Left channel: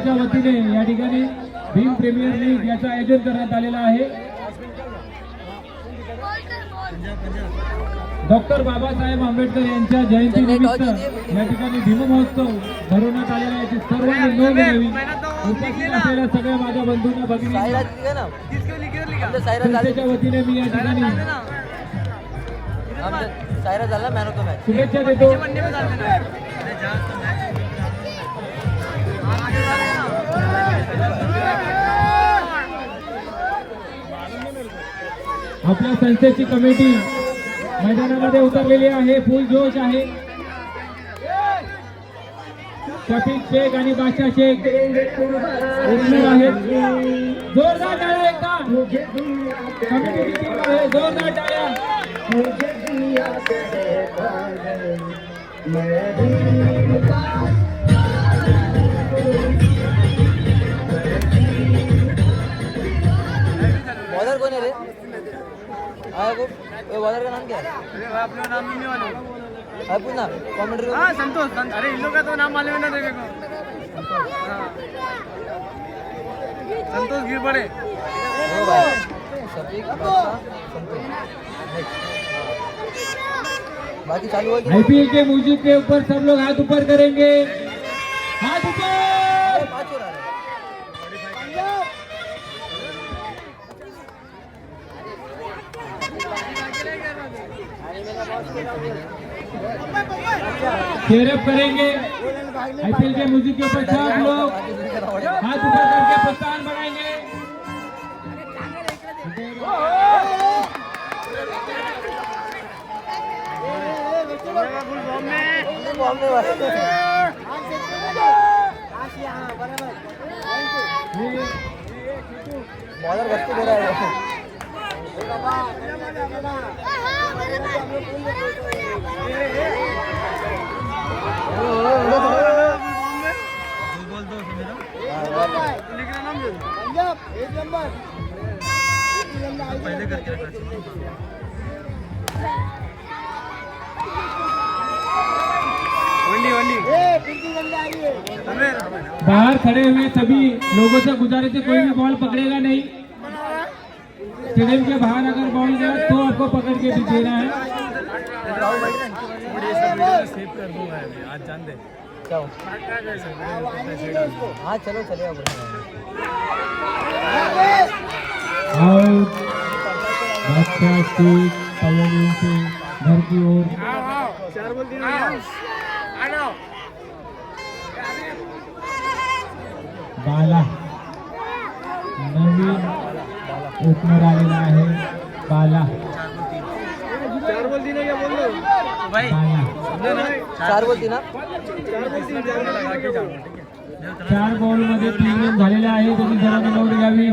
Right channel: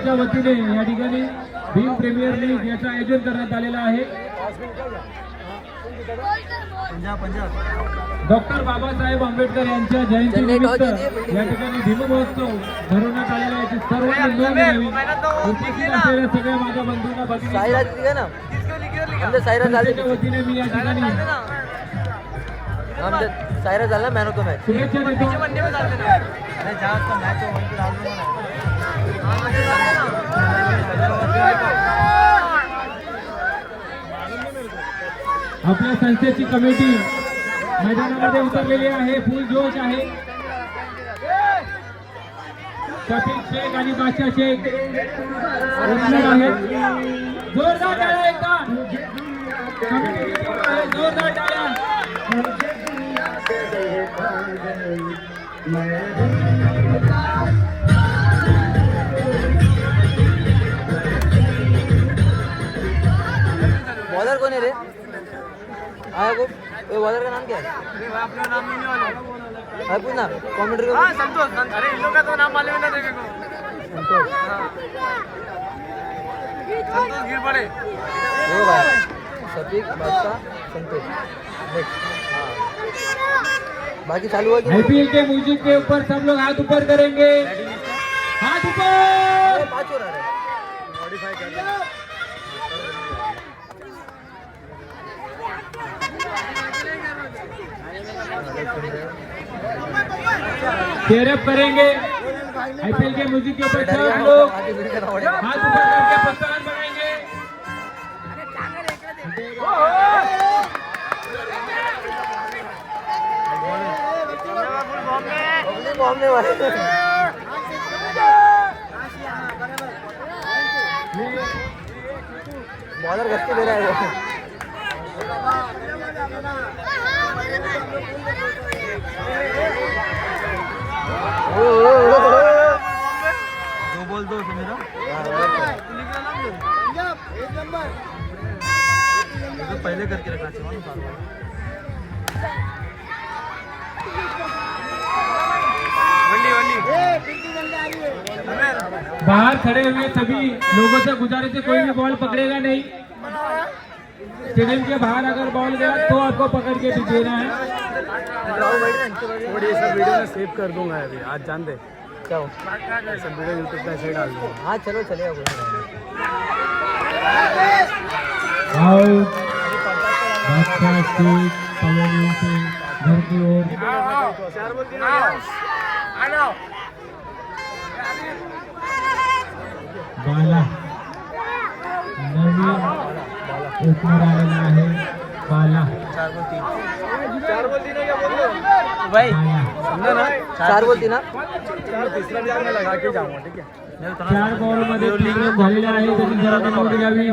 संस्थेच्या वतीने या ठिकाणी भीम प्रीमियर लीग याचं आयोजन करण्यात आलेलं आहे। डॉक्टर बाबासाहेब आंबेडकर यांच्या जयंती निमित्त या ठिकाणी भीम महोत्सव भरवण्यात आलेला आहे। सर्वांनी नोंद घ्यावी। उपस्थित असलेल्या सगळे माझ्या बंधूंना भगिनींना संस्थेच्या वतीने मी या ठिकाणी शुभेच्छा देतो। आपल्या संस्थेची कमिटी मैदानामध्ये उतरलेली आहे, फुल जोश आहे। शफीक शेख आणि बादशाह शेख ओपनर आहेत। जोरदार टाळ्या एकदा कमिटीची टीम आहे, जोरदार टाळ्या। बॉलर कौन है रे? ये बॉलर का नाम क्या है? अपना नाम नहीं मालूम है पूछना कमेंट्री को। संतोष। अरे इन लोग का तो नाम मालूम ही नहीं देखेगा। संतोष गिर पड़े। शफीक संतोष बाकी चालू है। आईपीएल के म्यूजिक के ऊपर सब लोग हाथ ऊपर करेंगे, हाथ ऊपर। चेयरअप करेंगे। आईपीएल के म्यूजिक के ऊपर सब लोग हाथ ऊपर करके प्रस्थान बनाएंगे। बॉलर गस्ती दे रहा है। दो बॉल दो मेरा तो पहले करके रखा बाहर खड़े हुए सभी लोगों से गुजारिश है, कोई भी बॉल पकड़ेगा नहीं। स्टेडियम के बाहर अगर बॉल गया तो आपको पकड़ के भी देना है। सेव कर दूंगा अभी आज जान दे क्या हो? हाँ चलो चलेगा। बादशाह शेख पवन से घर की ओर बाला नवीन ओपनर आलेला आहे। बाला चार बोल दी ना क्या बोल लो भाई समझे ना चार बोलती ना तीसरा ध्यान में लगा के जाऊंगा ठीक है। 4 बॉलमध्ये 3 रन झालेले आहे। त्यांनी सर्वांना नोंद घ्यावी।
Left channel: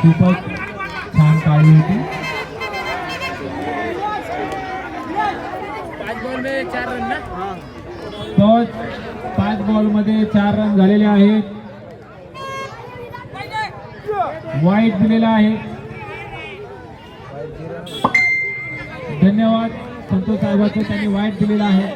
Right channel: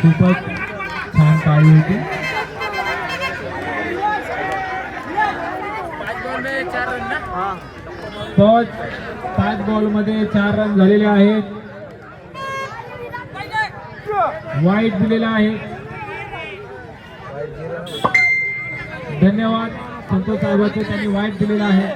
खूपच छान पाळी होती। 5 बॉल में 4 रन ना। 5 बॉलमध्ये 4 रन झालेले आहेत। वाईट दिलेला आहे। धन्यवाद संतोष साहेबांचे, त्यांनी वाईट दिलेला आहे।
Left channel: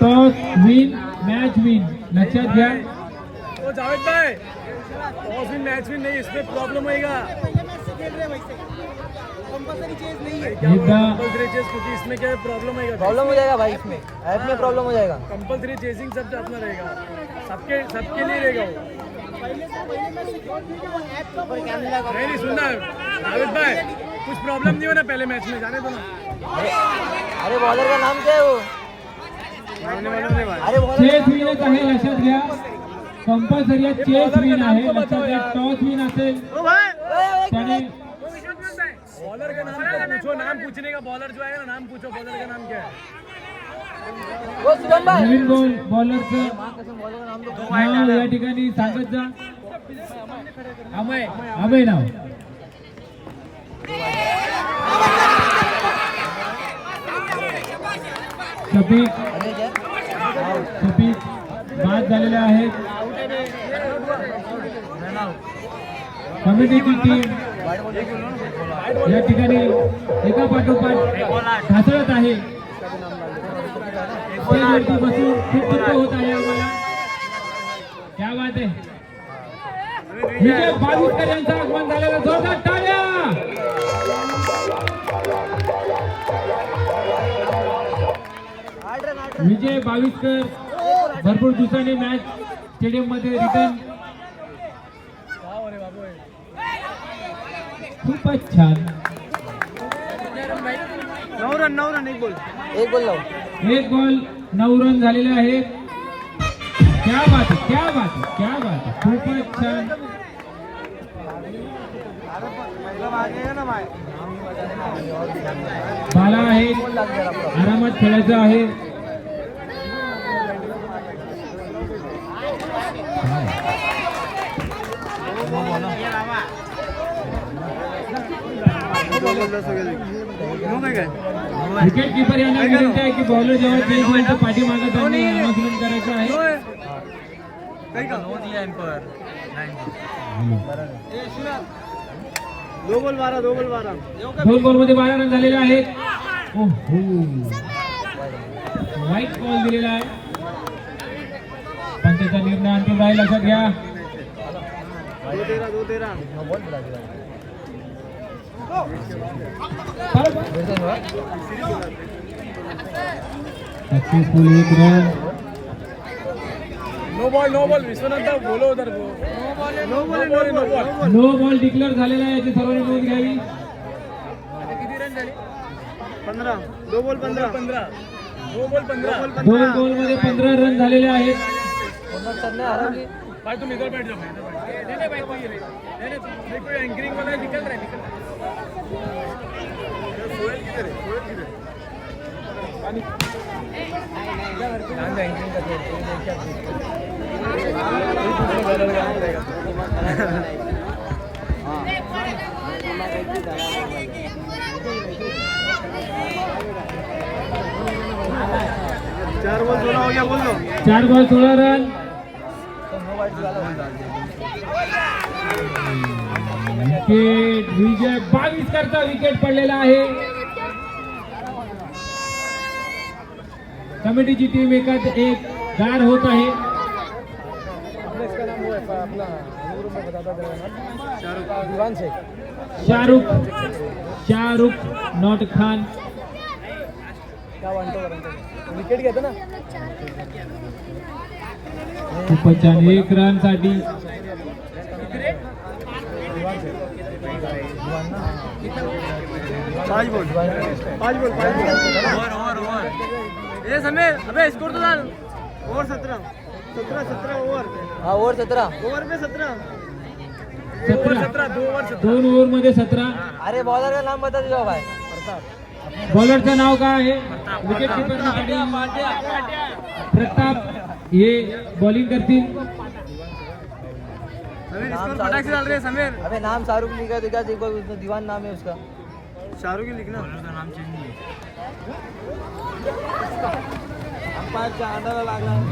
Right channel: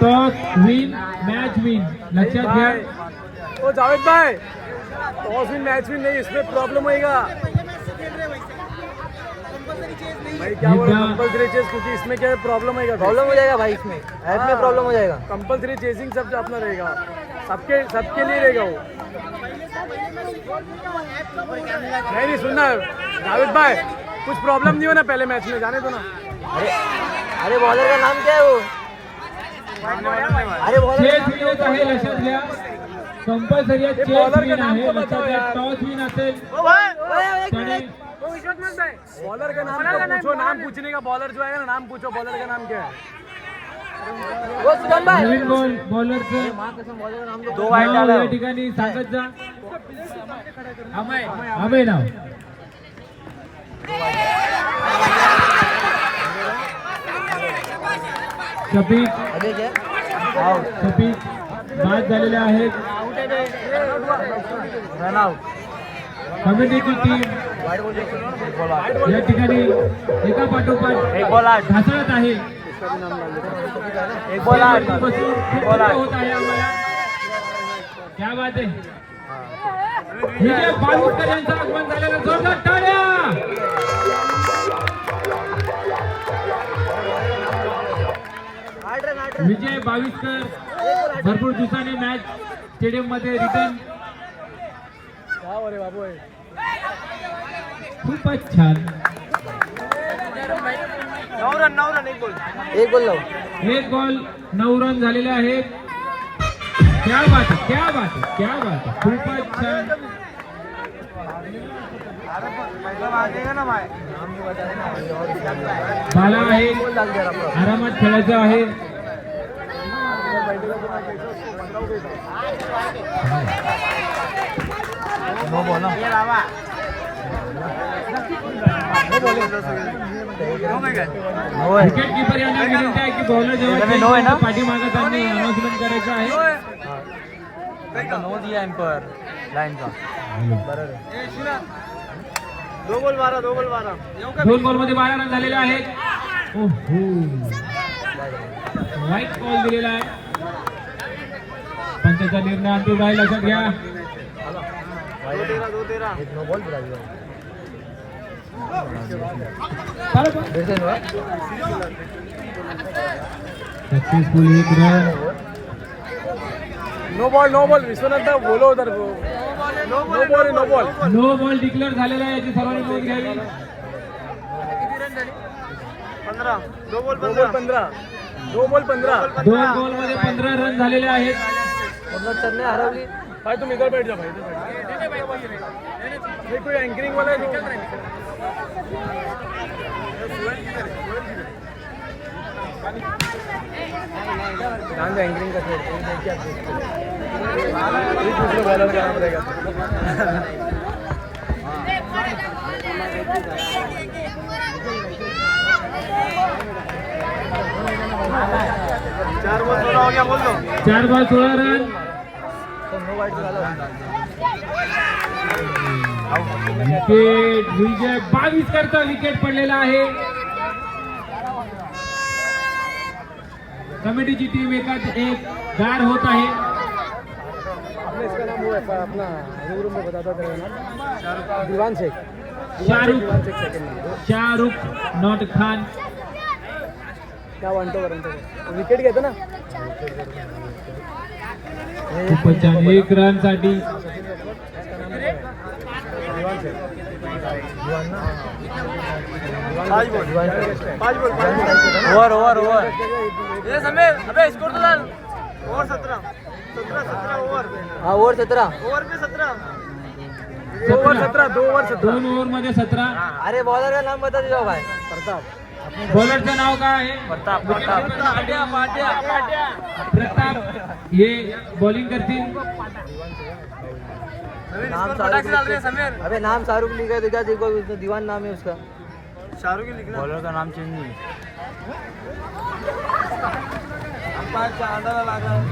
टॉस विन मॅच विन लक्षात घ्या। ओ जावेद भाई टॉस विन मैच विन नहीं, इसमें प्रॉब्लम होएगा कंपल्सरी चेस, क्योंकि इसमें क्या प्रॉब्लम होएगा। प्रॉब्लम हो जाएगा भाई, इसमें ऐप में प्रॉब्लम हो जाएगा। कंपल्सरी चेसिंग सब अपना रहेगा, सबके लिए रहेगा वो। नहीं सुनना जावेद भाई, कुछ प्रॉब्लम नहीं होना पहले मैच में, जाने दो ना। अरे बॉलर का नाम क्या है वो? अरे बॉलर चेस विनच आहे, लक्षात घ्या। कंपल्सरी चेस विन आहे, लक्षात घ्या। टॉस विन असेल त्याने बॉलर का नाम पूछो, नाम पूछने का। बॉलर जो है ना नाम पूछो, बॉलर का नाम क्या है? नवीन बॉलरचं दो वाईट नाव या ठिकाणी सांगत जा। अमय नाव शफीक बाद झालेल्या आहेत. Run out. कमिटीची टीम या ठिकाणी एका पाठोपाठ ढासळत आहे. वरती बसून खूप दुःख होत आहे आम्हाला. क्या बात आहे. विजय बावीसकर यांचं आगमन झालेलं, जोरदार टाळ्या. विजय बावीसकर भरपूर दिवसांनी मॅच स्टेडियम मध्ये रिटर्न. खूपच छान. 9 रन 1 गोल. एक गोल लाव. 1 बॉल 9 रन झालेले आहेत. क्या बात आहे, क्या बात आहे, क्या बात आहे. खूपच छान. बाला आहे, आरामात खेळायचं आहे. नो बॉल ना. विकेट किपर यांना विनंती आहे की बॉलर जेव्हा पाठीमागे त्यांनी अनुसरण करायचं आहे. नो दिया एम्पर लाइन का. 2 बॉल 12. 2 बॉलमध्ये 12 रन झालेले आहेत. ओहो, वाईट बॉल दिलेला आहे. पंचाचा निर्णय अंतिम आहे, लक्षात घ्या. 2-13. Successful 1 run. No ball Vishwanath बोलो उधर. No ball. No ball declare झालेला आहे, याची सर्वांनी नोंद घ्यावी. किती रन झाले? 15. 2 बॉल 15. 2 बॉल 15. 2 बॉलमध्ये 15 रन झालेले आहेत. चलने हरवली. भाई तुम इधर बैठ जा भाई. भाई कोई एंकरिंग वाला है, निकल रहा है. एंकरिंग कर. 4 बॉल 16 हो गया बोल दो. 4 बॉल 16 रन. विकेट विजय बावीसकरचा विकेट पडलेला आहे. कमिटीची टीम एकाच एक गार होत आहे. शाहरुख नॉट खान. विकेट घेतो ना. खूपच छान. 1 रन साठी ओवर. ये समीर अबे स्कोर तो डाल. Over 17 over. हाँ ओवर 17. ओवर में 17. 2 ओव्हर मध्ये 17. अरे बॉलर का नाम बता दीजिए भाई. बॉलरचं नाव काय आहे? प्रताप. विकेट किपरसाठी प्रताप हे बॉलिंग करतील. फटाक से डाल रहे हैं समीर. अबे नाम शाहरुख लिखा दिखा, देखो दीवान नाम है उसका. शाहरुख ही लिखना. बॉलर का नाम चेंज नहीं है.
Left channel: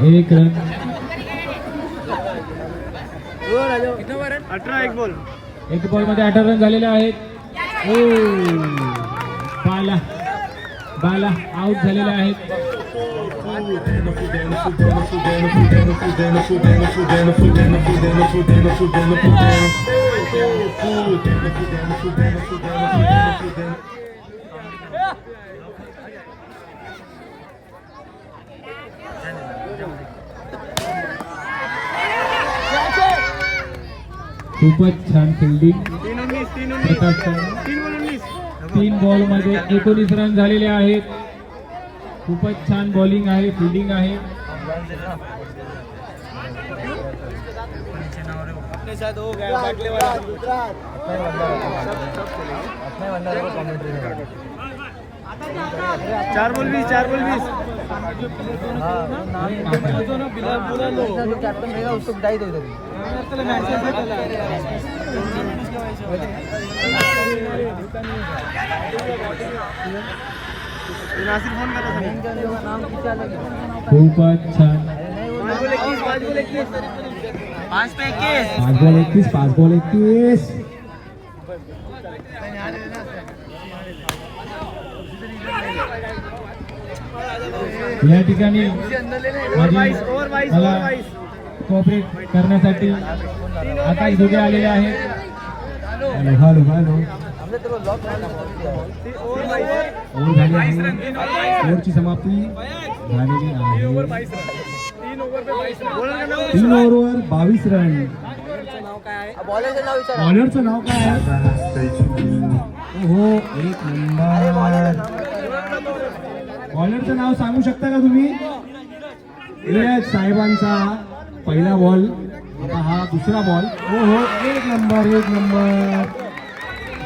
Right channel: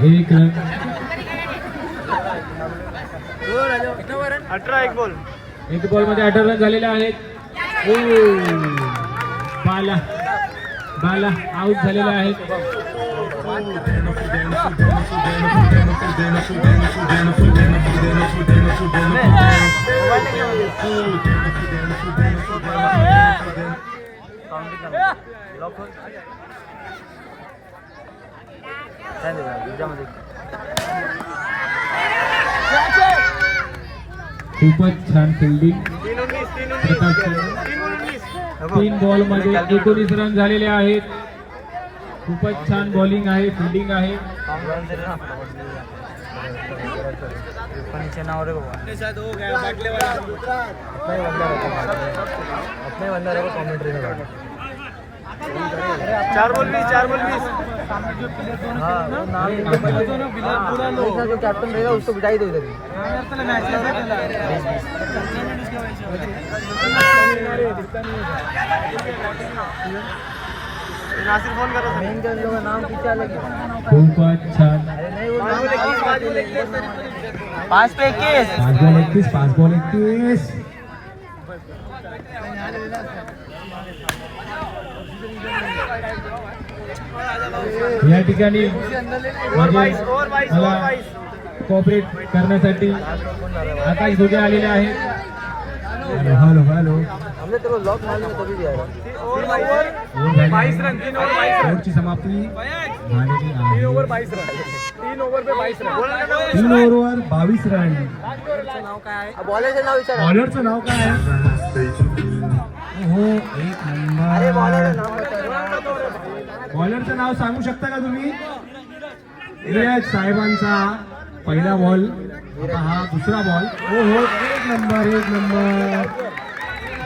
1 रन. 18. 1 बॉल. 1 बॉल मध्ये 18 रन झालेले आहेत. बाला आउट झालेले आहेत. खूपच छान फिल्डिंग. 3 बॉल मध्ये 19 रन झालेले आहेत. खूपच छान बॉलिंग आहे, फिल्डिंग आहे. नीचे ना हो रहे बाबा. शायद हो गया बैटले वाला. 4 बॉल 20. हाँ जो कैप्टन रहेगा उसको बिठाई दो इधर. नासिर फोन कर रहा था. नाम क्या लगे. खूपच छान. अरे नहीं वो 5 पे 21. 5 बॉल 21. या ठिकाणी मला कोऑपरेट करण्यासाठी आकाश धुगे आलेले आहेत. Hello hello. हमने तेरे को लॉक मारने में कभी दिया है. बाईस रन 3 ओवर 22 ओव्हरची समाप्ती झालेली आहे. 3 ओवर 22 रन 3 ओवर पे 22 रन 3 ओव्हरवर 22 रन. बॉलरचं नाव विचार. बॉलरचं नाव काय आहे? हो, एक नंबर. बॉलरचं नाव सांगू शकता का तुम्ही? नीरज साहेबांचा पहिला बॉल, आता हा दुसरा बॉल. हो हो, एक नंबर.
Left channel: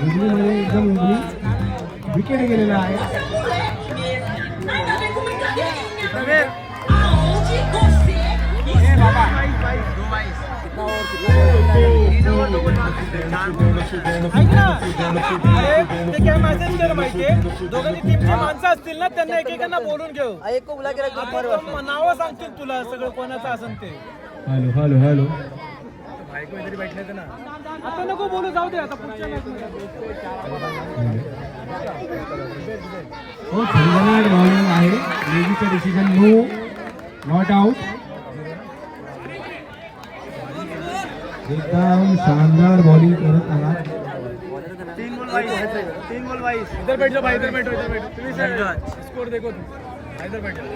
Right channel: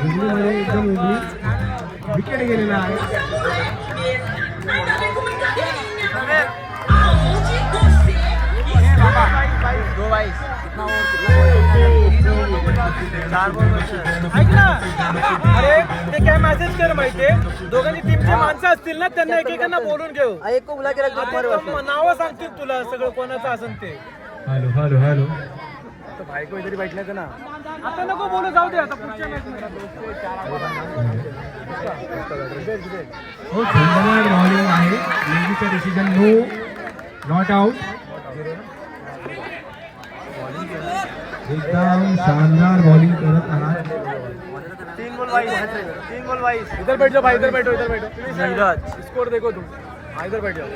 उजवीमध्ये एकदम उजवी विकेट गेलेला आहे. अरे ते काय मेसेज कर माहितीये, दोघांनी टीमचे माणसं असतील ना त्यांना एकेकांना बोलून घेऊ. एक को बुला के रख. आता नावं सांगतील तुला सगळं कोणाचं असेल ते. Hello hello hello. तो भाई को इधर ही बैठने थे ना. आता नको बोलू, जाऊ दे आता पुढच्या match मध्ये. हो, खंडनाड बॉलिंग आहे. नेव्हीचा डिसिजन नो, नॉट आउट. एकदम शानदार बॉलिंग करत आहात. 3 बॉल 22 इधर बैठ जाओ भाई, इधर बैठो स्कोर देखो तुम. हाँ, इधर बैठ जाओ.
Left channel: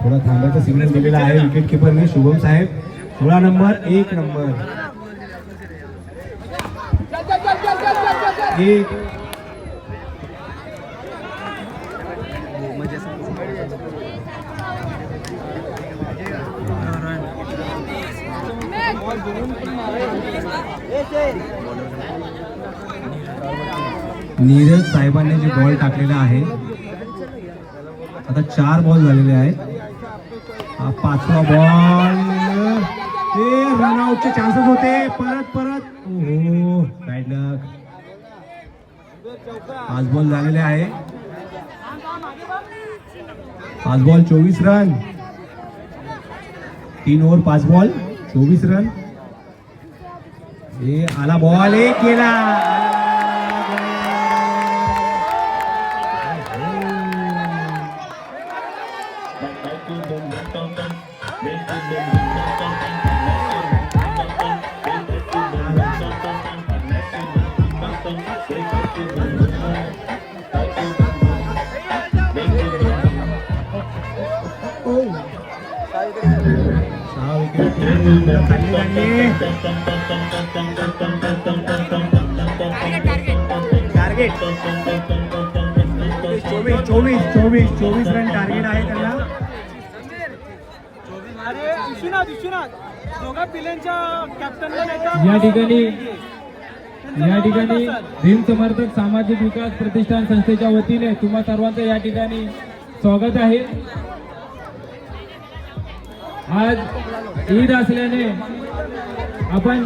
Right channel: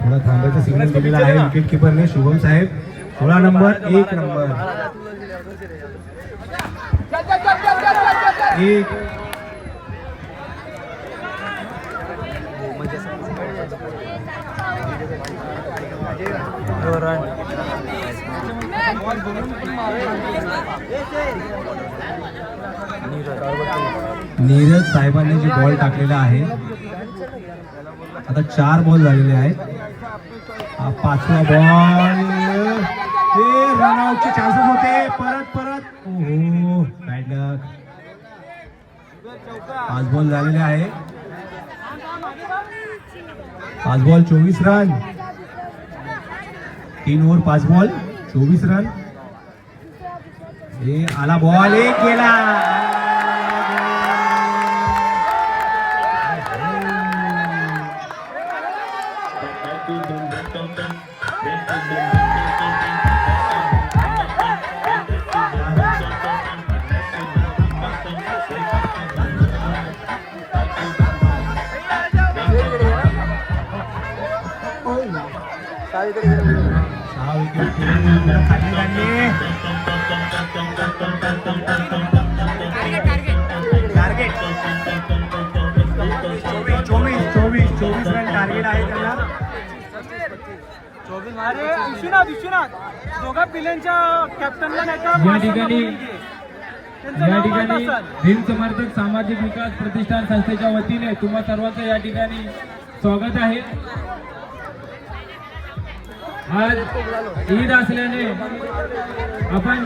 थोडा थांबायचा सिग्नल दिलेला आहे विकेट किपरने. शुभम साहेब 16 नंबर 1 नंबर 1. नीरज साहेबांनी जे बॉल टाकलेला आहे, आता 4 बॉल झालेले आहेत. हा 5वा बॉल. हे रनआउटचे चान्सेस होते. परत ओहो, बॅड लक. 5 बॉल झालेले आहे. 5 ball 24 run. 3 over 5 ball 24 run. हे आला बॉल, एक गेला. चोवीस रन टार्गेट आहे त्याला. विश्वनाथ दोघा पिल्यांच्या कॅप्टन या ठिकाणी भीम समर्थक सामाजिक विकास प्रतिष्ठान संस्थेच्या वतीने तुम्हा सर्वांचं या ठिकाणी स्वागत आहे. आज ईद असल्याने आपण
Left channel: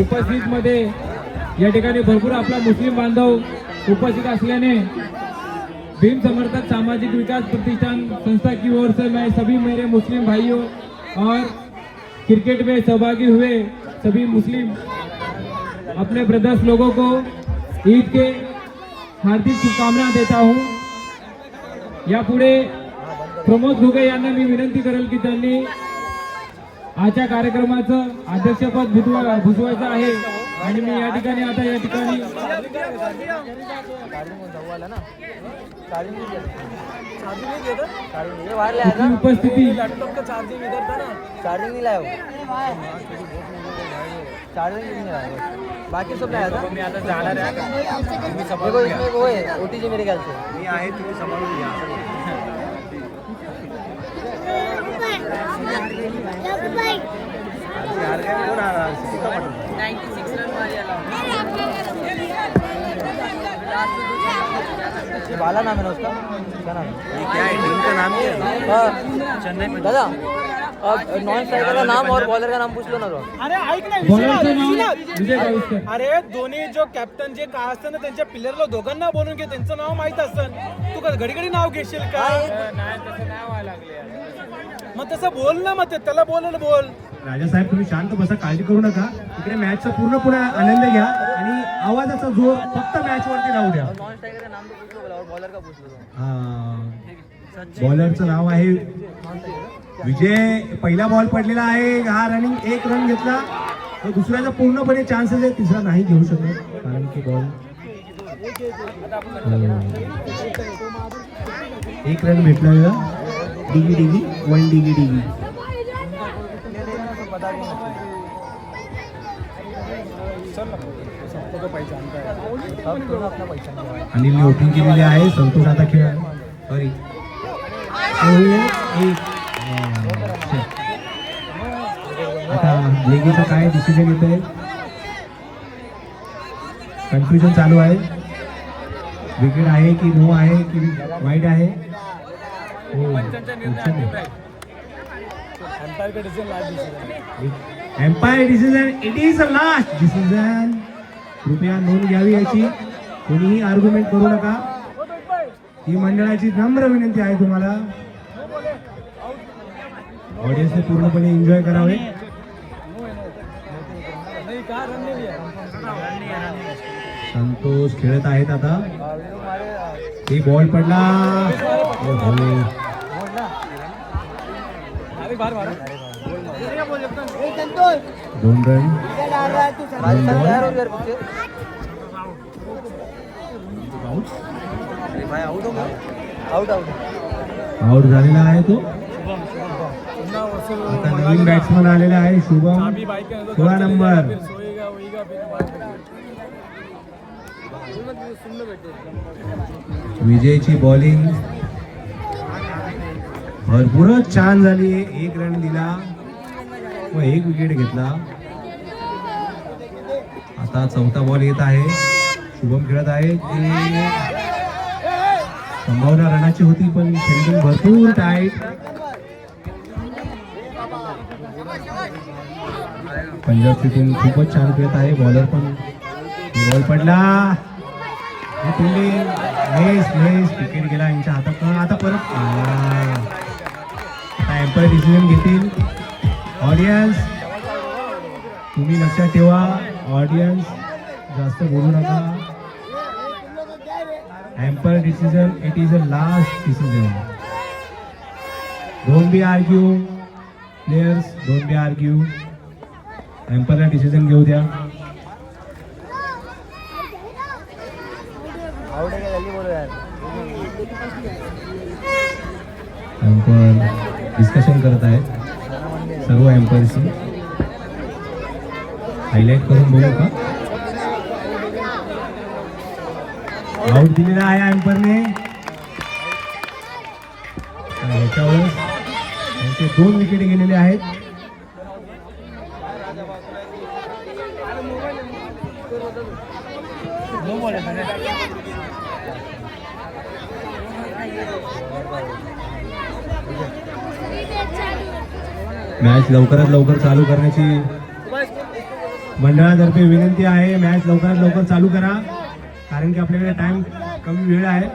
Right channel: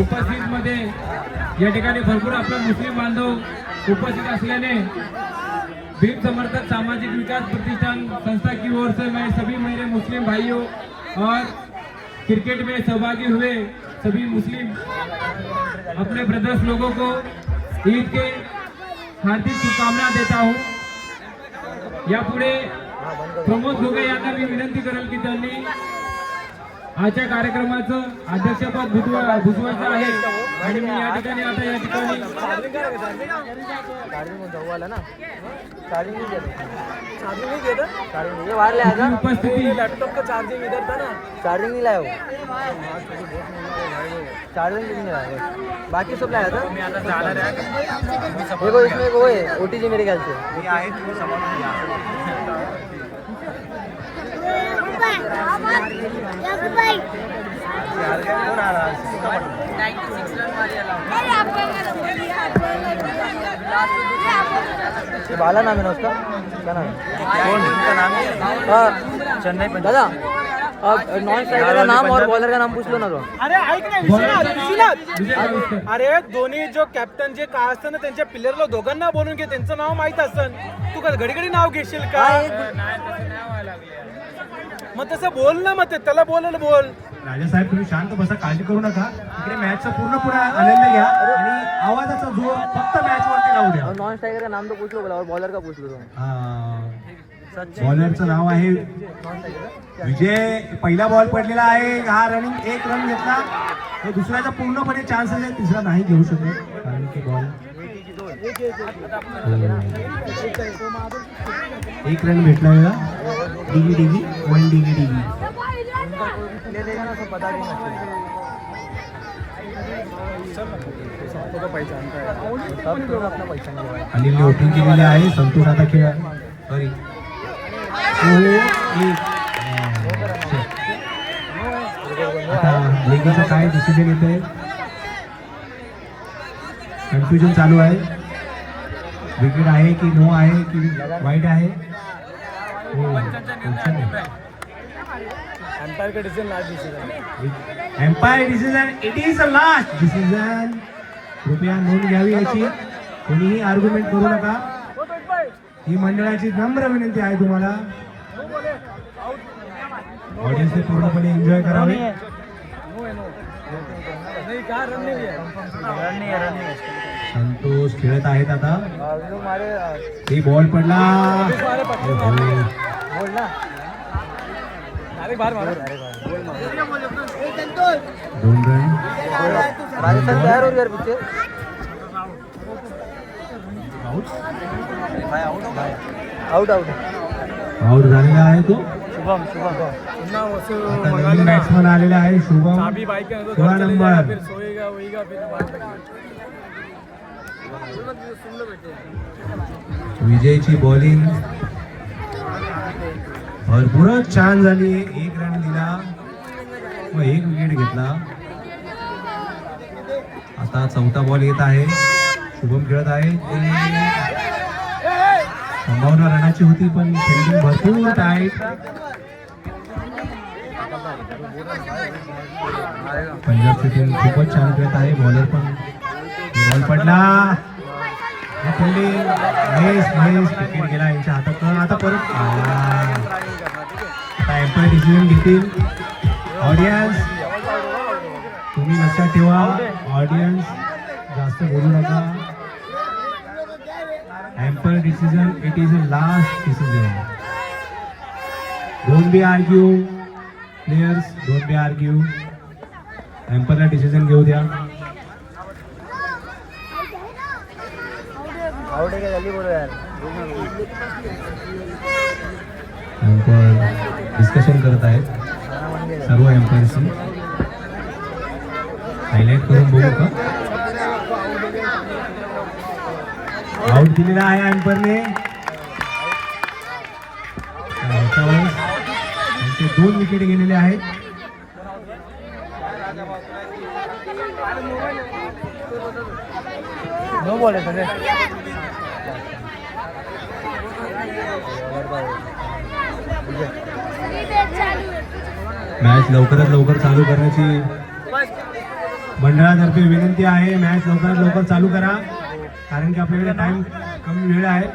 उपस्थित मध्ये या ठिकाणी भरपूर आपला मुस्लिम बांधव उपस्थित असल्याने भीम समर्थक सामाजिक विकास प्रतिष्ठान संस्था की ओर से मैं सभी मेरे मुस्लिम भाइयों और क्रिकेट में सहभागी हुए सभी मुस्लिम अपने ब्रदर्स लोगों को ईद के हार्दिक शुभकामना देता हूं. यापुढे प्रमोद घुगे यांना मी विनंती करेल की त्यांनी आजच्या कार्यक्रमाचं अध्यक्षपद भुजवायचं आहे आणि मी या ठिकाणी आता या ठिकाणी आपली उपस्थिती चार्जिंग इधर था ना, चार्जिंग नहीं लाया वो. चार्जिंग नहीं लाया. बाकी सब लाया था. मी आता जाणार आहे. देखो इसमें वो है ओटीजी मेरे ख्याल से. मी आहे तुम्ही समजून घ्या. बाला नाम है ना उसका, क्या नाम है? चेन्नई पंजाब. दादा अब नॉन स्ट्राइकर का नाम और बॉलर का नाम पूछ लो ना तो. अरे ऐक ना बॉलरचं विश्वनाथ, नाव विजय गाविस्कर. अरे दोन्ही जो कॅप्टन जे काय असतं ना त्यांच्या प्लेयरला दोघांना बोलून घे, त्यांचं नाव माहित असतं. तू घडी घडी नाव घेशील का? नाही तसं नाही व्हायला लागले. मग तसं बोल ना, मग त्याला बोलायला बोल. राजासाहेब तुम्ही शांत बसा, काळजी करू नका. इकडे मॅचचा पूर्ण आनंद घ्या आणि आवाजाचा जोर फक्त मॅच वरती लावू द्या. नॉन स्ट्राइकर का नाम तो पूछ लो और बॉलर का पूछ लो तुम. बॉलरचं नाव आहे विजय. पहिला बॉल पडलेला आहे, हा रनिंग 1 रन घेतला. हे दुसऱ्याचा पूर्णपणे चान्सेस आहे, तिसरा नाही घेऊ शकत कारण की बॉल 1 रन भेटला. डिगी 1 डिगी. अनिलने ओपनिंग केलेली आहे. संतोष आता खेळ सॉरी आता लेगीचं काय डिसिजन येत आहे, कन्फ्युजन चालू आहे. विकेट आहे की नो आहे की वाईट आहे. Umpire decision, it is a last decision. कृपया नोंद घ्यावी याची. कोणीही आर्ग्युमेंट करू नका. ही मंडळाची नम्र विनंती आहे तुम्हाला. ऑडियन्सने पूर्णपणे एन्जॉय करावे. संतोष खेळत आहेत आता. ही बॉल पडला. 2 रन. आउट झालेला आहे तो. आता नवीन बॅट्समन आलेला आहे शुभम, 16 नंबर. विजयची बॉलिंग भरपूरच छान झाली. 1 रन दिला व 1 विकेट घेतला. आता 4था बॉल येत आहे. शुभम खेळत आहे. संभावना रनाची होती पण फिल्डिंग भरपूर टाईट. पंजाबची टीम खूपच छान खेळत आहे. बॉलर पण बॉल पडला. महेश विकेट गेला यांच्या हातात. आता परत आता एम्पायर डिसिजन घेतील. ऑडियन्स तुम्ही लक्षात ठेवा, ऑडियन्स जास्त बोलू नका. Umpire decision, it is a last decision. Don't be argue players, don't be argue. एम्पायरला डिसिजन घेऊ द्या. डिस्कशन करत आहेत सर्व एम्पायरशी. हायलाइट करून बोलू का? आउट दिलेला आहे एम्पायरने. ह्याच्यावर त्यांचे 2 विकेट गेलेले आहेत. मॅच लवकरात लवकर चालू करण्याची मंडळातर्फे विनंती आहे. मॅच लवकरात लवकर चालू करा कारण की आपल्याकडे टाइम कमी वेळ आहे.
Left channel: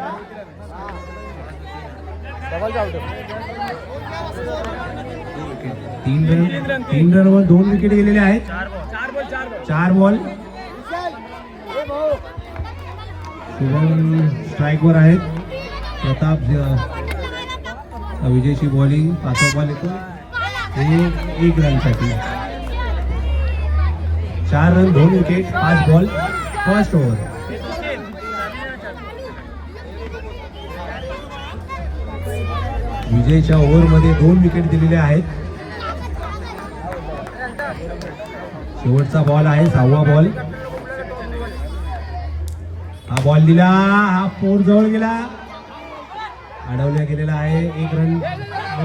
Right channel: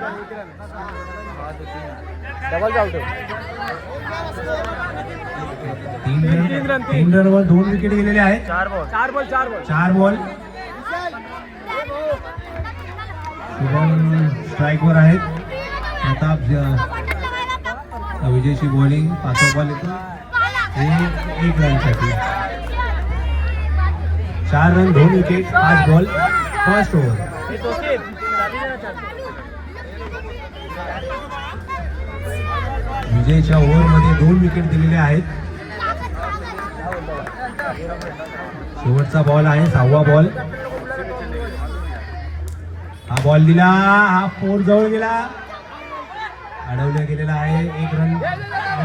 3 रनवर 2 विकेट गेलेले आहेत. 4 बॉल. शुभम स्ट्राईकवर आहेत. प्रताप विजयची बॉलिंग. 5 बॉल येतो 1 रनसाठी. 4 run 2 wicket 5 ball first over. विजयच्या ओव्हरमध्ये 2 विकेट दिलेले आहेत. शेवटचा बॉल आहे 6वा बॉल. हा बॉल दिला. हा 4 जवळ गेला. अडवल्या गेलेला आहे. 1 रन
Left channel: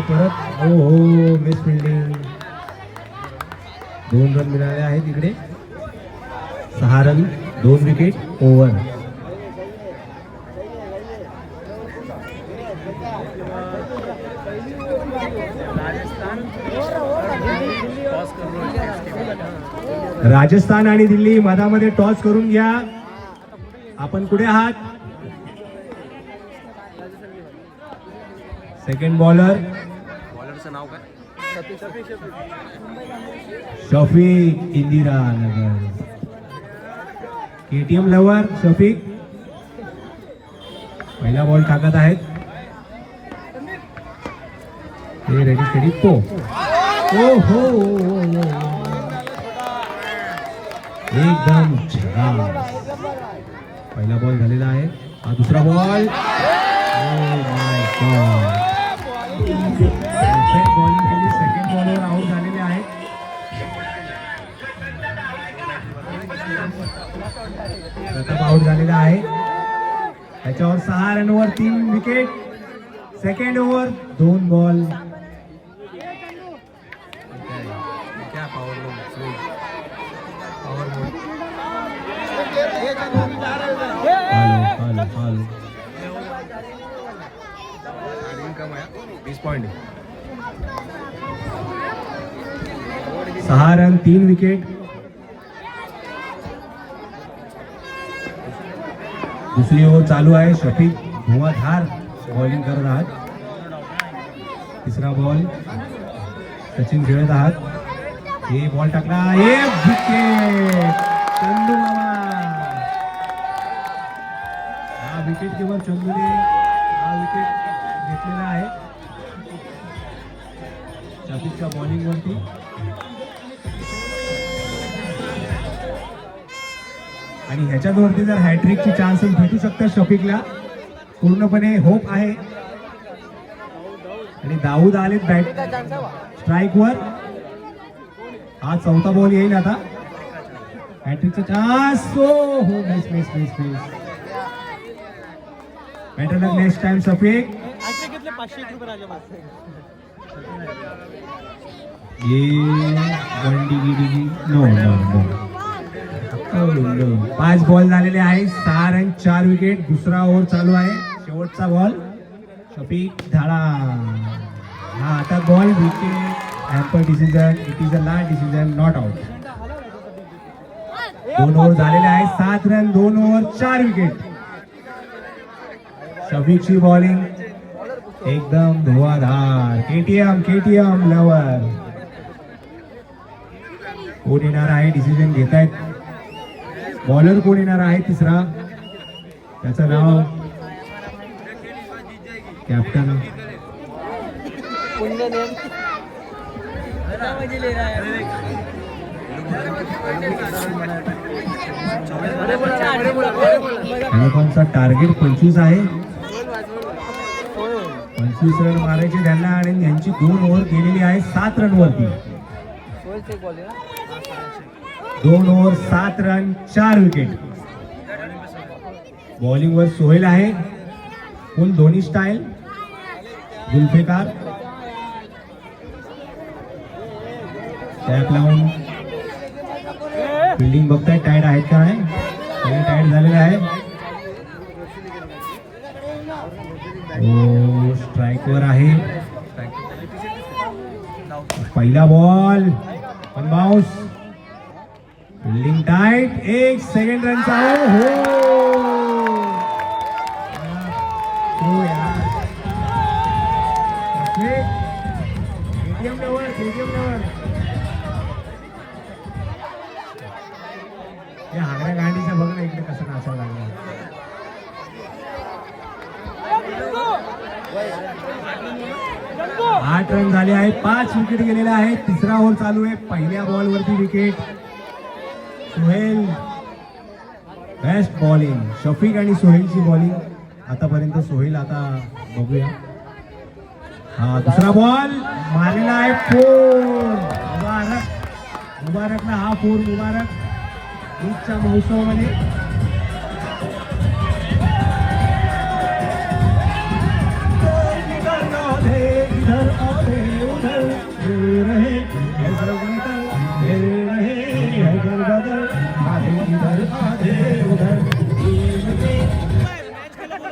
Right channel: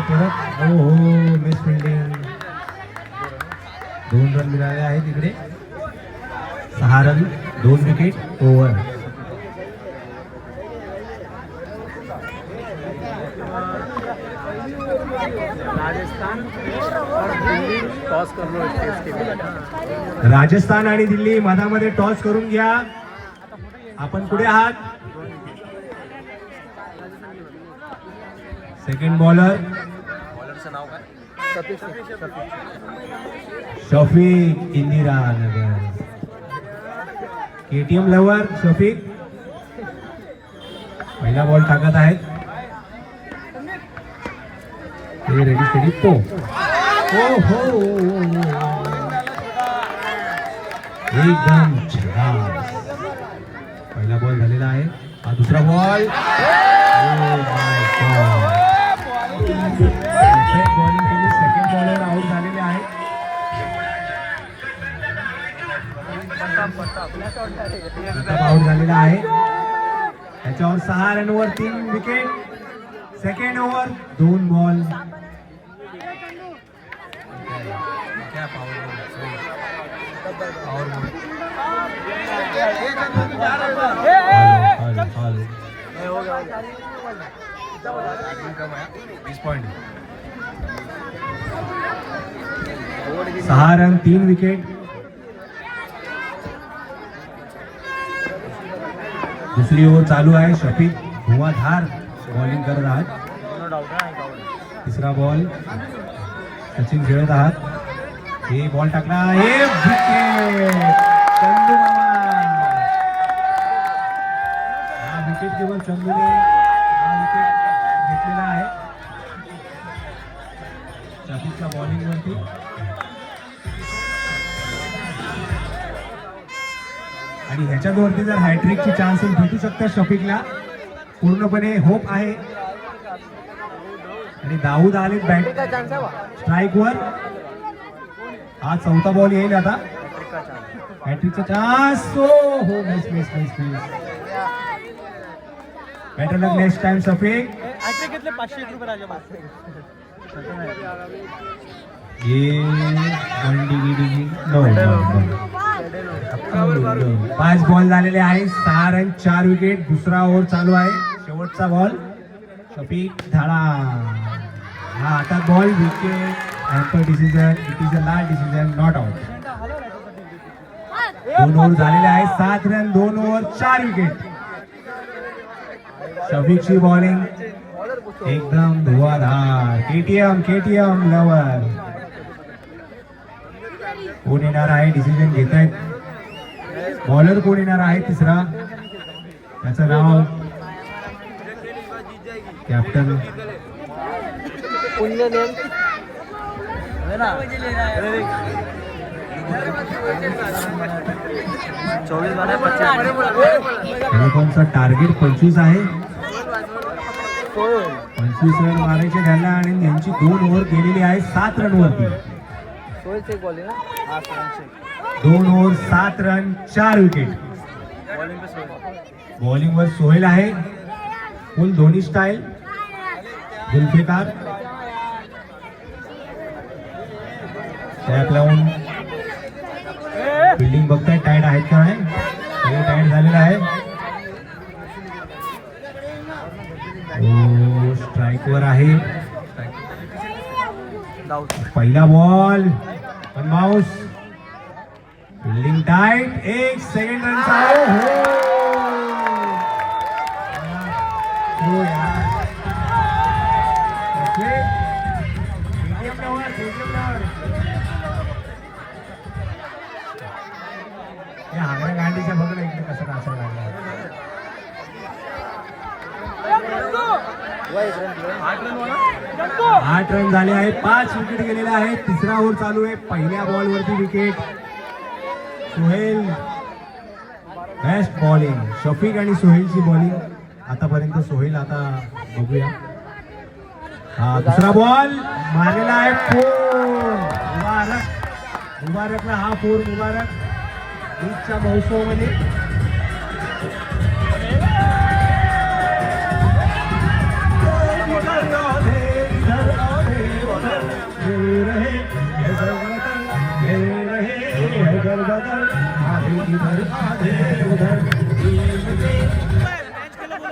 परत. हो मिस फिल्डिंग. 2 रन मिळाले आहेत इकडे. 6 रन 2 विकेट ओव्हर. राजस्थान आणि दिल्ली मधामध्ये टॉस करून घ्या. आपण कुठे आहात? Second bowler Shafiq Indira Nagar KTM lover Shafiq पहिला बॉल टाकत आहेत रेडी स्टेडी तो हो एकदम छान पहिला बॉल झालेला आहे हा दुसरा बॉल बॉलिंग केली सेकंड बॉलवर आउट झालेले आहे आउट झालेला आहे त्याच्यावर 6 रनवर 3 विकेट सेकंड ओव्हर 2 बॉल सहा रन 3 विकेट दुसरी ओव्हर चालू आहे शफीक धुवाधार बॉलिंग करत आहात तिसरा बॉल सचिन खेळत आहात हे बॉल टाकला एक विकेट चंदू हा विकेट केवळ चंदूने हा विकेट घेतलेला आहे शफीकच्या बॉलिंग वरती आणि ह्याच्यावरती जर हॅट्रिकची चान्सेस भेटू शकतात शफीकला पूर्णपणे होप आहे आणि दाऊद आले बॅट स्ट्राईक वर हा चौथा बॉल येईल आता हॅट्रिकचा चान्स हो मिस बेटर लक नेक्स्ट टाइम शफीक ये गंडी गिडी नो 5 बॉल झालेले आहे 6 रन 4 विकेट दुसरा ओव्हर चालू आहे शेवटचा बॉल शफीक धाडा हा आता ball wicket emperor decision it is a last decision not out 2 over झालेले आहे 7 रन 2 ओव्हर 4 विकेट शफीकची बॉलिंग एकदम धुवाधार केटीएम लवर कोण येणार आहे डिसिजन घेत आहेत बॉलर कोण येणार आहे तिसरा त्याचं नाव कॅप्टन कोणचा टार्गेट 25 आहे 25 रन मारायचे त्यांना आणि यांची 2 ओव्हर गेलेली आहे 7 रन वरती 2 ओव्हर 7 रन 4 विकेट बॉलिंग वर सोहेल आहे full Dhoni style Zulfiqar tap लावून फिल्डिंग बघताय टाईट आहेत का नाही सगळं टाईट झालेलं आहे स्ट्राईक वर आहे पहिला बॉल पण बाउन्स फिल्डिंग टाईट 1 सेकंड रनचा हो यार हागऱ्या गांडीच्या बघ ना इकडे कसं असायला लागला 8 रन झाले आहे 5 विकेट गेलेला आहे तिसरा ओव्हर चालू आहे पहिल्या बॉल वरती wicket Sohail best bowling Shafiq आणि सोहेलची बॉलिंग आतापर्यंत सोहेल आता बघूया हा दुसरा बॉल मारलेला आहे 4 मुबारकला हा 4 मुबारक ईदच्या महोत्सवामध्ये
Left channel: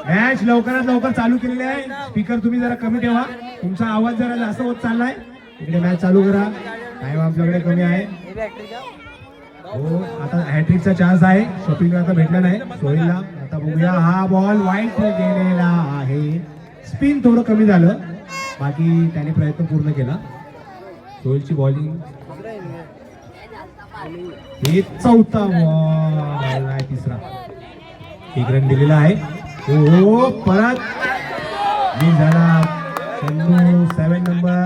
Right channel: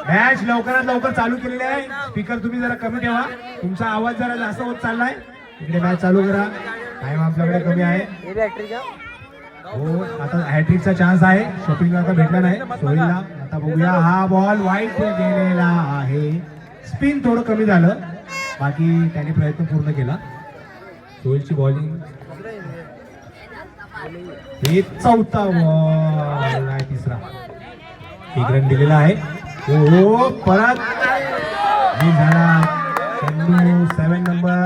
मॅच लवकरात लवकर चालू केलेले आहे स्पीकर तुम्ही जरा कमी ठेवा तुमचा आवाज जरा जास्त होत चाललाय इकडे मॅच चालू करा टाइम आपल्याकडे कमी आहे हो आता हॅट्रिकचा चान्स आहे शफीकला आता भेटला नाही सोहेलला आता बघूया हा बॉल वाईट गेलेला आहे स्पिन थोडं कमी झालं बाकी त्याने प्रयत्न पूर्ण केला. सोहेलची बॉलिंग, हे चौथा बॉल आहे, तिसरा. 1 रन दिलेला आहे. हो परत मिस झाला. चंदू 7 नंबर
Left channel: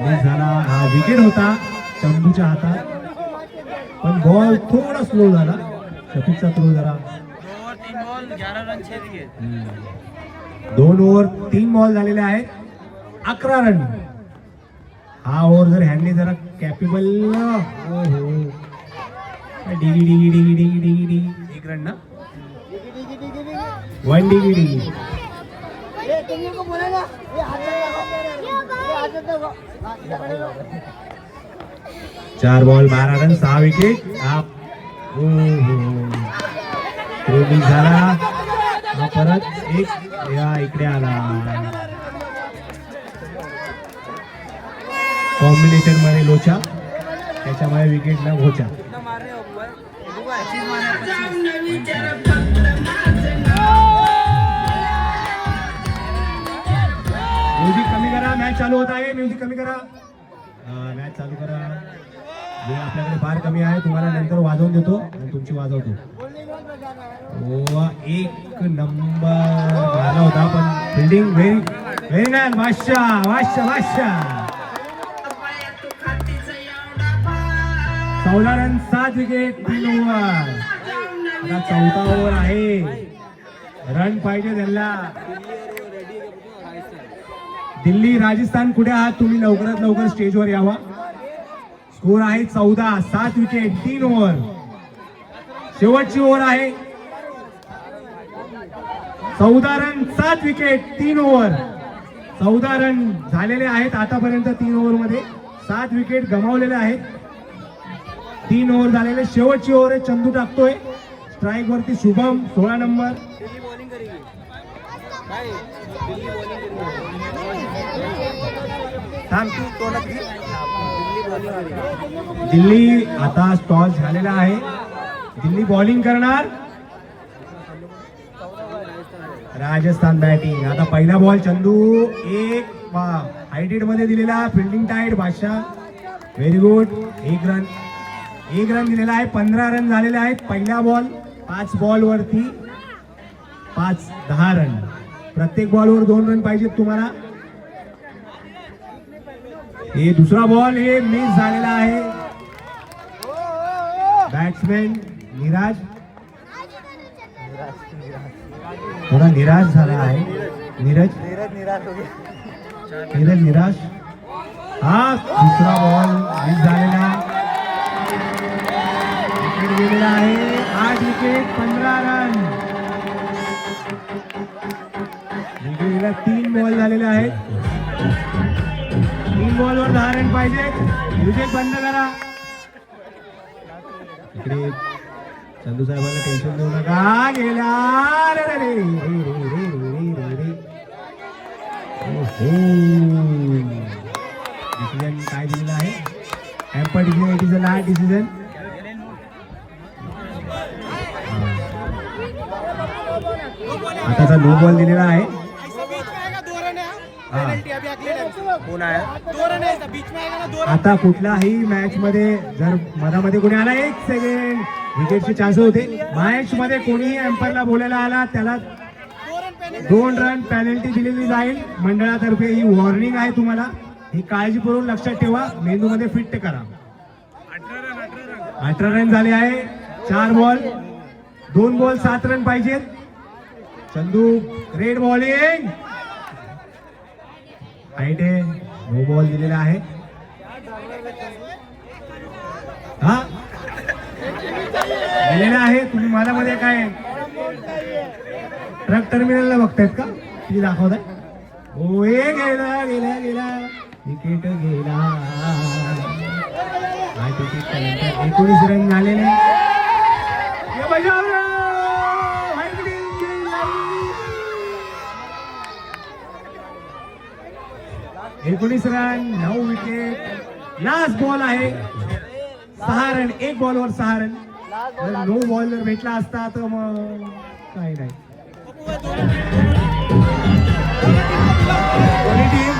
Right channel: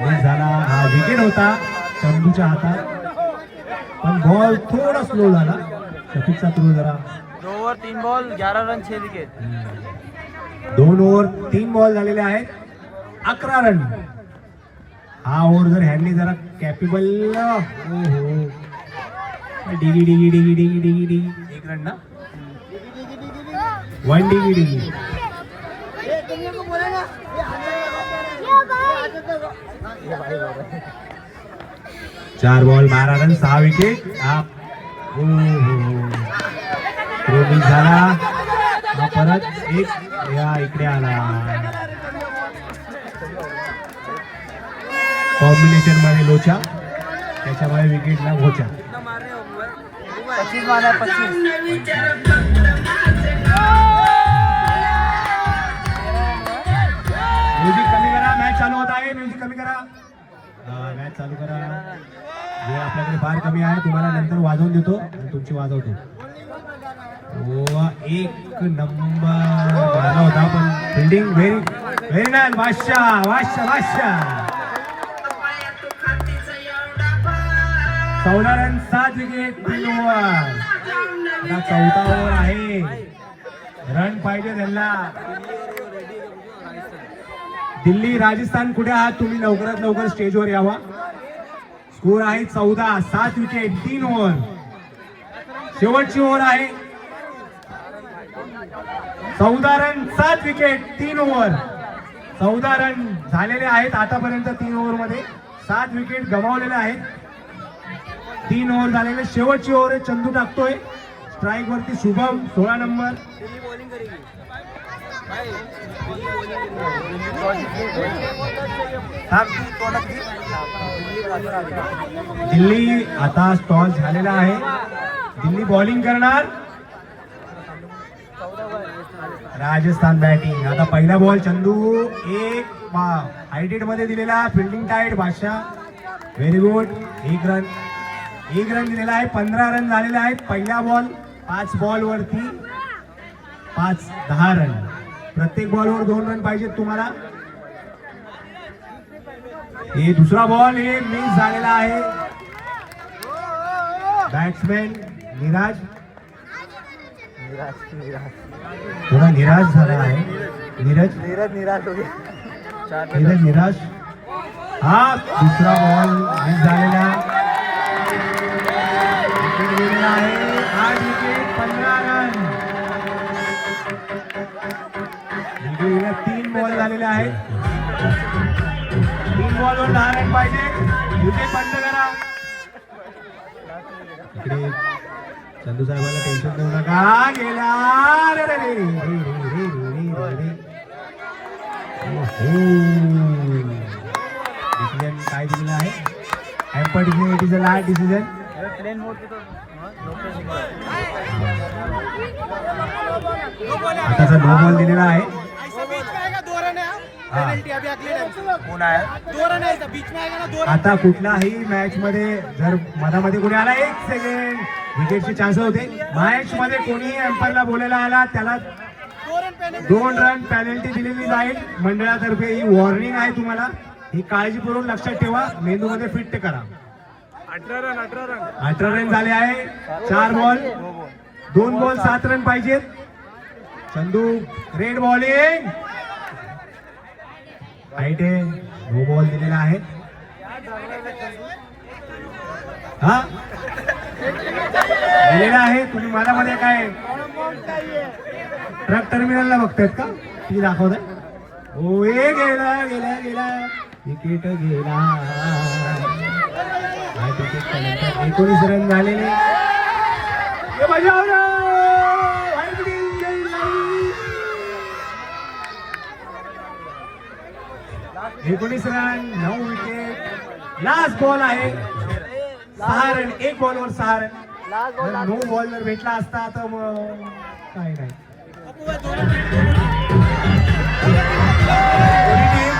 मिस झाला. हा विकेट होता चंदूच्या हातात, पण बॉल थोडा स्लो झाला. शफीकचा थ्रो जरा. 2 over 3 ball 11 run 6 wicket. 2 over 3 ball झालेले आहेत, 11 रन. हा ओव्हर जर ह्यांनी जरा कॅपेबल डिगी डिगी डिगी डिगी डिगी डिगी 1 रन ना, 1 डिगी डिगी. 4 बॉल 12 रन 6 विकेट. मिस झाला. हा परत इकडे आला. कॉम्बिनेशन मध्ये लोचा, त्याच्यामुळे विकेटला गोचा. 25 मारा 25. म्युझिक कमी करा, मॅच चालू होत आहे. म्युझिक कमी करा, मॅच चालू करा. वेळ आपल्याकडे फार कमी आहे, तुम्हाला नंतर वाजवून देतो आणि तुमची वाजवतो. 1 नंबर मारला होता, पण फिल्डिंग व्हेरी व्हेरी नाईस. बादशाह 14 रन 7 विकेट 3 ओव्हर. आता 4था ओव्हर आहे. रन पाहिजे त्यांना. दिल्ली राजस्थान कुठे आहात तुम्ही? लवकरात लवकर स्टेजवर यावा. स्कोर आहे 14, 7 विकेट 3 ओव्हर. शेवटची ओव्हर आहे. 14 रन 7 विकेट 3 ओव्हर. 14 रन झालेले आहेत आतापर्यंत 3 ओव्हर मध्ये. 7 विकेट गमावलेले आहेत. 3 ओव्हर झालेले. शेवटची ओव्हर आहे. चंदू टाकतोय स्ट्राईक वरती. शुभम 16 नंबर. दिल्ली आता टॉस झालेला आहे. दिल्ली बॉलिंग करणार, राजस्थान बॅटिंग. आता पहिला बॉल चंदू 1 हायटेड मध्ये दिलेला. Fielding tight. बादशाह व्हेरी गुड. 1 रन दिलेला आहे. 15 रन झालेले आहेत. पहिला बॉल 5 बॉल वरती 10 रन. प्रत्येक बॉलवर 2 रन पाहिजेत तुम्हाला. हे दुसरा बॉल हे मिस झालेला आहे. बॅट्समॅन निराज थोडा निराश झाला आहे. नीरज निराश. हा दुसरा बॉल मिस झालेला. विकेट गेलेला आहे. 8 विकेट 15 रन. दिल्लीला 3 बॉल झालेले आहेत. 3 बॉलवर 10 रन पाहिजे. म्युझिक बंद करा. इकडे चंदू साहेबांना टेन्शन देऊ नका. गेला डिसिजन काय दिलेला आहे? Emperor decision. It is a last decision. आताचा नो बॉल दिलेला आहे. आता कुठल्याही मॅच मध्ये जर मधामध्ये कोणी आला 1 सेकंड विकेटचे चान्स होते. मॅच मध्ये कोणीही एम्पायरला बोलायला आला त्याला 2 रन पेनल्टी दिलेली जाईल मंडळातर्फे. ही वॉर्निंग आहे तुम्हाला. ही काळजीपूर्वक लक्षात ठेवा. मेंदूमध्ये फिट करा. 18 रन झाले आहे. 4 बॉल 2 बॉल 7 रन पाहिजेत. Chandu red bowling. हाईट आहे. नो बॉल दिलेला आहे. हा दिलेला आहे. तुम्ही मला मध्ये काय ट्रक टर्मिनलला बघतायत का? ती दाखवताय. ओ गेला गेला गेला विकेट गेला. 19 रन झालेले. 19 रन 9 विकेट. लास्ट बॉल आहे. 6 रन. 1 बॉलवर 6 रन. नो बॉल जर भेटला असता तर मग काही नाही. दोन्ही टीम